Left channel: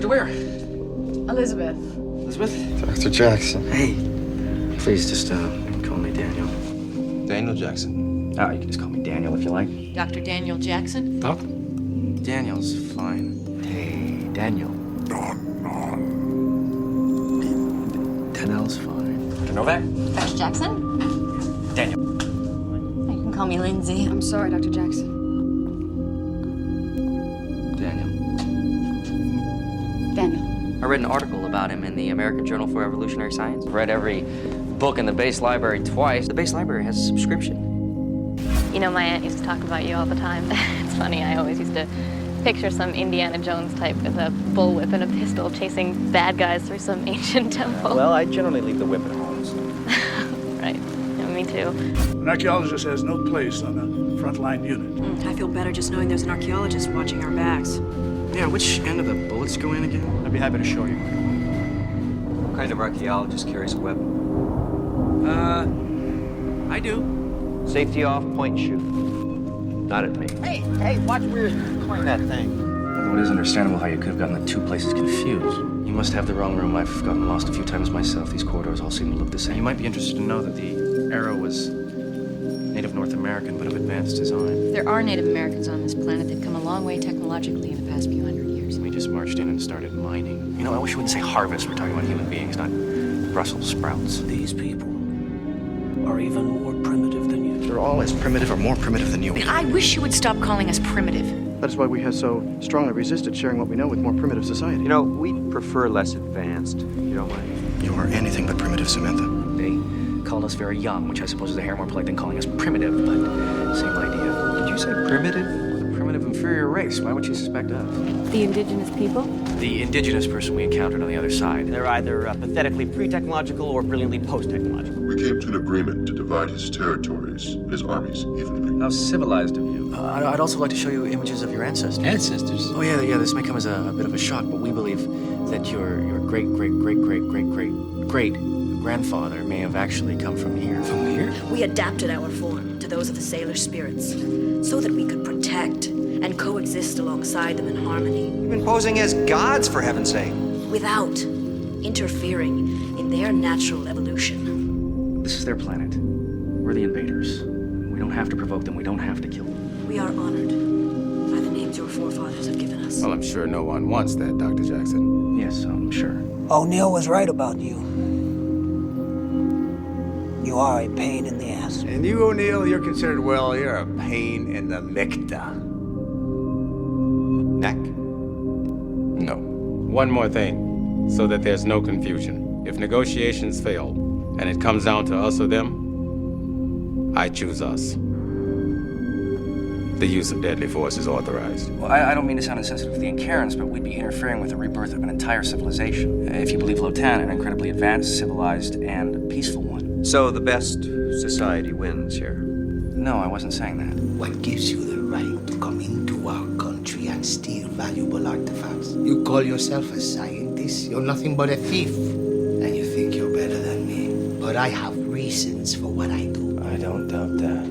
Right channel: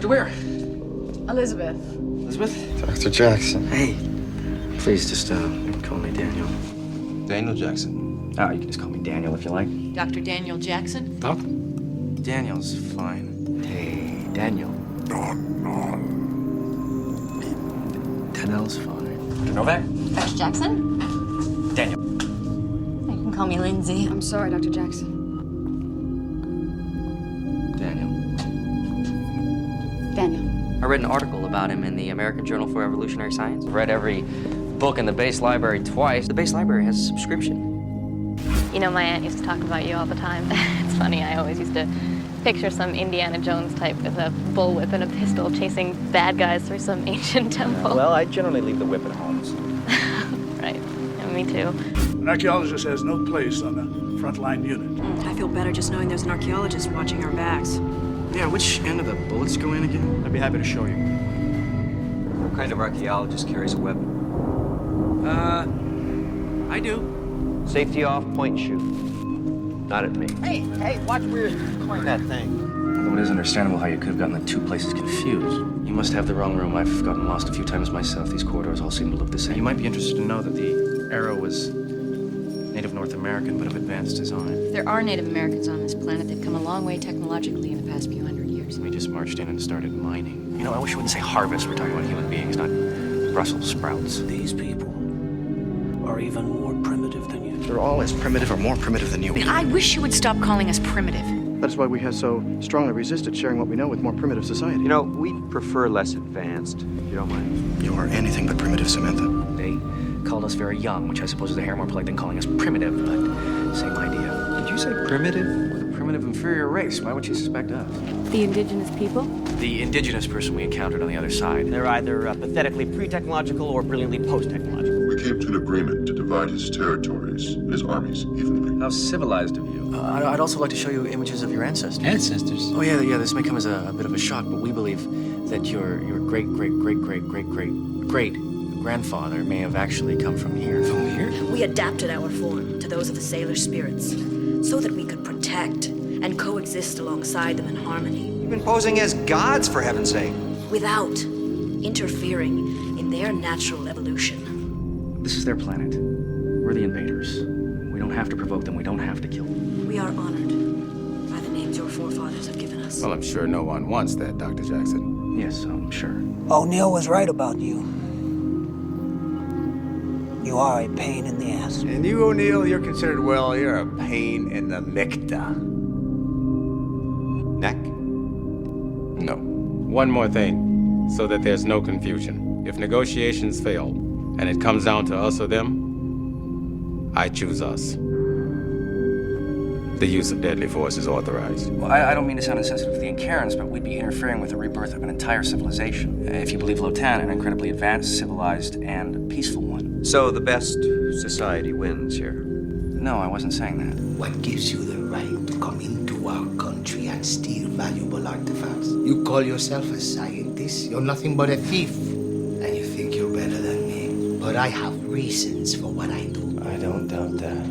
Dr. Ware. Elizabeth. Elizabeth? Dr. Jackson. Hey. Please just call me Daniel. Daniel Jackson. Oh, you can just call me Daniel if you like. Dr. Daniel Jackson? Doc? Daniel's fine. Hey, Daniel. Daniel's fine. Dr. Novak? Dr. Jackson? Daniel. You can call me Lindsay. I'm sorry, Dr. Jackson. Daniel. Daniel. I read an article about him in the American Journal for Evolutionary Science. I've read every book in the base library twice. The base library has a subscription. You know, my aunt used to talk about you all the time. It's funny, I always used to picture some Indiana Jones type with a bullwhip and a pistol chasing bad guys through some ancient temple. Well, I generally leave the whip at home. So. Right, yeah, me too. An archaeologist has no place on a frontline unit. I feel better just knowing there's an archaeologist watching our backs. Yeah, which end of the bullets go in again? I'd be happy to show you. What kind of archaeologist carries a weapon? I do. Safety off, point and shoot. Not at me. Hey, watch where you're pointing that thing. Although it is understandable how you could have gotten the two places confused. You must have the wrong room. I've gotten lost a few times myself. These corridors all seem to look the same. You might be interested to know that the arrow was native North American, but of advanced design. There are Native Americans on this planet. They've come a long way technologically in the past few hundred years. We just marched in and started mining. You know, I wish we wouldn't say harvest. We're talking about human beings, not Brussels sprouts. These people are even more primitive than you. They're all as primitive or more primitive than you. I wish you would stop calling us primitive. That is why we have so strongly resisted sharing what we know with more primitive society. You know, we prefer less advanced, if you don't mind. You are anything but primitive, Samantha. They called us very young, which I suppose is a hair more polite than calling us primitive, but same idea. Did you say primitive? We're the primitive inferior race. Why would you suspect us? The indigenous people? The indigenous person we encountered on the other side. They're either pathetically pre-technological or brilliantly post-technological. We came to an agreement to divide his territories and his armies evenly. How civilized of you. I'd also like to show you images of your ancestors. Ancestors? Oh, yeah, this may come as a bit of a shock, but we believe that your great-great-great-great-great-great-grandfather may have actually come from here. From here? We adapted our form to those of the sailor spirits so that we could protect and coexist alongside them in harmony. You've been posing as gods, for heaven's sake. Without interfering in their natural evolution. This is their planet. We're the invaders. We don't have to provoke them. We don't have to kill them. We are honored by the names your forefathers have given us. Well, I'm sure no one wants that, Dr. Jackson. Yes, I'm sure. O'Neill was right about you. You are a pain in the ass. And you, O'Neill, you're considered, well, you're a pain in the mikta. Neck? No. One more thing, so that there's no confusion. If negotiations fail, and it comes down to us or them, I choose us. The use of deadly force is authorized. Well, I don't mean to sound insensitive to the Incarans, but we'd be interfering with the rebirth of an entire civilization. If you believe Lotan, an incredibly advanced, civilized, and peaceful one. So the best society wins here. No, I wasn't saying that. What gives you the right to come into our country and steal valuable artifacts? You call yourself a scientist? You're nothing but a thief. And you think you're better than me. But I have reasons for what I do. I don't doubt that.